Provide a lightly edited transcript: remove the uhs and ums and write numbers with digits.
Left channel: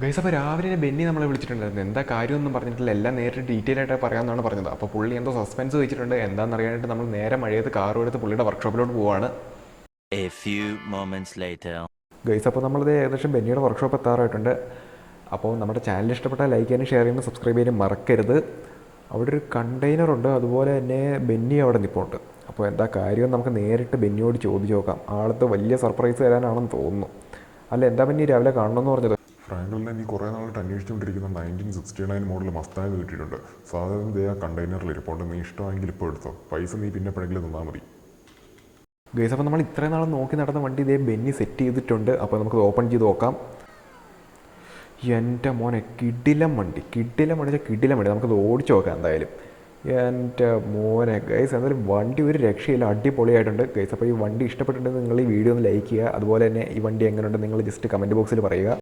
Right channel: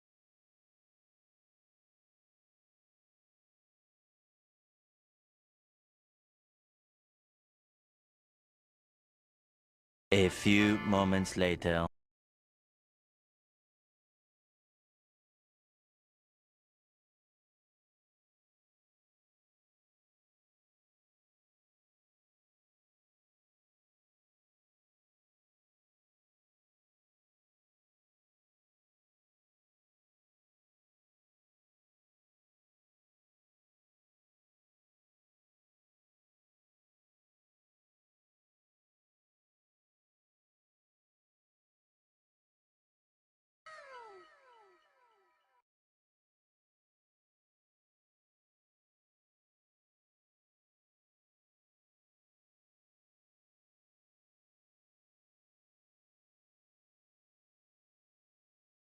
Guys അപ്പോൾ രാവിലെ ബെന്നി നമ്മളെ വിളിച്ചിട്ടുണ്ടായിരുന്നു. എന്താ കാര്യമൊന്നും പറഞ്ഞിട്ടില്ല, എല്ലാം നേരിട്ട് ഡീറ്റെയിൽ ആയിട്ട് പറയാമെന്നാണ് പറഞ്ഞത്. അപ്പോൾ പുള്ളി എന്തോ സസ്പെൻസ് വെച്ചിട്ടുണ്ട്. എന്താണെന്ന് അറിയാനായിട്ട് നമ്മൾ നേരെ മഴയത്ത് കാറും എടുത്ത് പുള്ളിയുടെ വർക്ക്ഷോപ്പിലോട്ട് പോവാണ്. A few moments later. Guys അപ്പോൾ നമ്മളിത് ഏകദേശം ബെന്നിയുടെ വർക്ക്ഷോപ്പ് എത്താറായിട്ടുണ്ട്. അപ്പോൾ നമ്മുടെ ചാനൽ ഇഷ്ടപ്പെട്ടാൽ ലൈക്ക് ചെയ്യാനും ഷെയർ ചെയ്യാനും സബ്സ്ക്രൈബ് ചെയ്യാനും മറക്കരുത്. അവിടെ ഒരു കണ്ടെയ്നറുണ്ട്, അതുപോലെ തന്നെ ബെന്നി അവിടെ നിൽപ്പുണ്ട്. അപ്പോൾ എന്താ കാര്യം നമുക്ക് നേരിട്ട് ബെന്നിയോട് ചോദിച്ചു നോക്കാം. ആളത്ത് വലിയ സർപ്രൈസ് തരാനാണെന്ന് തോന്നുന്നു. അല്ല, എന്താ ബെന്നി രാവിലെ കാണണമെന്ന് പറഞ്ഞത്? ഫ്രാങ്ക്ലിനെ നീ കുറേ നാളായിട്ട് അന്വേഷിച്ചുകൊണ്ടിരിക്കുന്ന 1969 മോഡൽ മസ്താങ് കിട്ടിയിട്ടുണ്ട്. സാധാരണ ദേ ആ കണ്ടെയ്നറിൽ ഇരിപ്പുണ്ട്. നീ ഇഷ്ടമെങ്കിൽ ഇപ്പോൾ എടുത്തോ. പൈസ നീ പിന്നെ എപ്പോഴെങ്കിലും തന്നാൽ മതി. ഗൈസ് അപ്പോൾ നമ്മൾ ഇത്രയും നാൾ നോക്കി നടന്ന വണ്ടി ഇതേ ബെന്നി സെറ്റ് ചെയ്തിട്ടുണ്ട്. അപ്പോൾ നമുക്ക് ഓപ്പൺ ചെയ്ത് നോക്കാം. എൻ്റെ മോനെ, കിടിലം വണ്ടി കിടിലം വണ്ടി. നമുക്കത് ഓടിച്ച് നോക്കാം എന്തായാലും. എൻ്റെ മോനെ ഗൈസ്, എന്തായാലും വണ്ടി ഒരു രക്ഷയില്ല, അടിപൊളിയായിട്ടുണ്ട് ഗൈസ്. അപ്പോൾ ഈ വണ്ടി ഇഷ്ടപ്പെട്ടിട്ടുണ്ടെങ്കിൽ നിങ്ങൾ ഈ വീഡിയോ ഒന്ന് ലൈക്ക് ചെയ്യുക. അതുപോലെ തന്നെ ഈ വണ്ടി എങ്ങനെയുണ്ട് നിങ്ങൾ ജസ്റ്റ് കമൻറ്റ് ബോക്സിൽ പറയുക.